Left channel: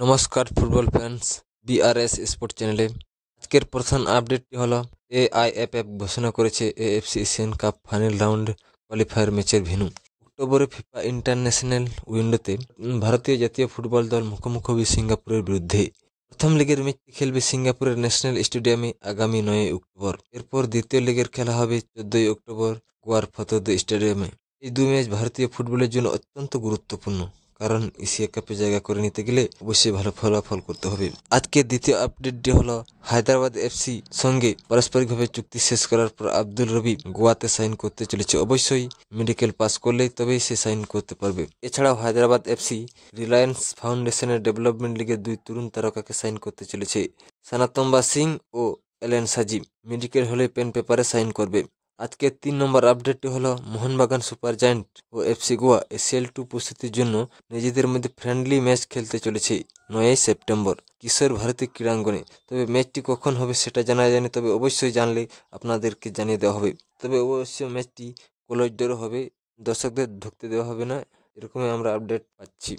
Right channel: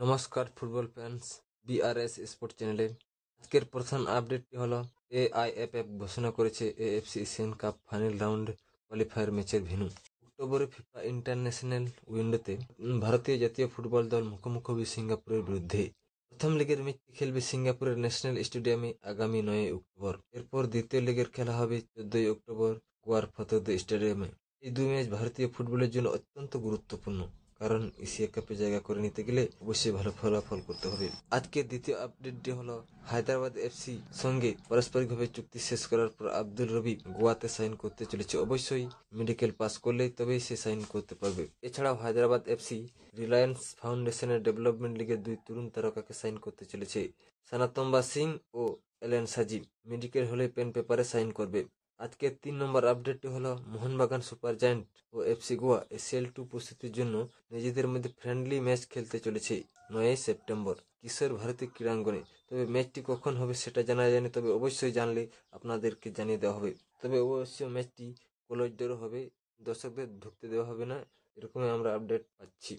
নমস্কার football fans, BRS sport চ্যানেলে আজকের প্রধান আপডেটটি হলো এআইএফএফ ঘোষণা করেছে AFC Asian cup final round qualifier ম্যাচের ভেন্যু। অক্টোবরে ফিফা ইন্টারন্যাশনাল উইন্ডোতে ভারতীয় জাতীয় ফুটবল দল মুখোমুখি হবে সিঙ্গাপুরের বিরুদ্ধে। প্রথম লেগের ম্যাচটি খেলবে সিঙ্গাপুরের ন্যাশনাল স্টেডিয়ামে আগামী 9 অক্টোবর। এরপর দ্বিতীয় লেগের খেলা হবে 14 অক্টোবর গোয়ার ফতেহদের স্টেডিয়ামে। এই দুই ম্যাচ ভারতীয় ফুটবলের জন্য অত্যন্ত গুরুত্বপূর্ণ, কারণ এশিয়া কাপে জায়গা করে নিতে গেলে অবশ্যই ভালো ফলাফল করতে হবে। আজকের দ্বিতীয় আপডেটটি হলো হায়দ্রাবাদ এফসি সঙ্গে পারস্পরিকভাবে চুক্তি শেষ করার পর আব্দুল রবি গোয়াতে সাইন করতে চলেছে। অবশ্যই মেডিকেল পাস করলেই তবেই সে সাইন করতে পারবে। এছাড়াও হায়দ্রাবাদ এফসি রিলায়েন্স ফাউন্ডেশনের ডেভেলপমেন্ট লিগের দুই তরুণ তারকাকে সাইন করতে চলেছে। সানাতম্বা সিং ও এলেন সাজিব মেডিকেল হলে পেন পেপারে সাইন করবে। আজকের 3 নম্বর আপডেটটি হলো মোহনবাগান সুপার জায়ান্ট ও এফসি গোয়া এসিএল2 প্রস্তুতির জন্য নিজেদের মধ্যে ফ্রেন্ডলি ম্যাচ খেলতে চলেছে 9 সেপ্টেম্বর কিশোর ভারতী ক্রীড়াঙ্গনে। তবে ম্যাচটি কখন হবে সেটা জানা যায়নি, তবে অবশ্যই জানলে আপনাদেরকে জানিয়ে দেওয়া হবে। তবে অবশ্যই ম্যাচটি ক্লোজ ডোরে হবে, দর্শকদের ঢুকতে দেওয়া হবে না, এরকমই আমরা আপডেট পাচ্ছি।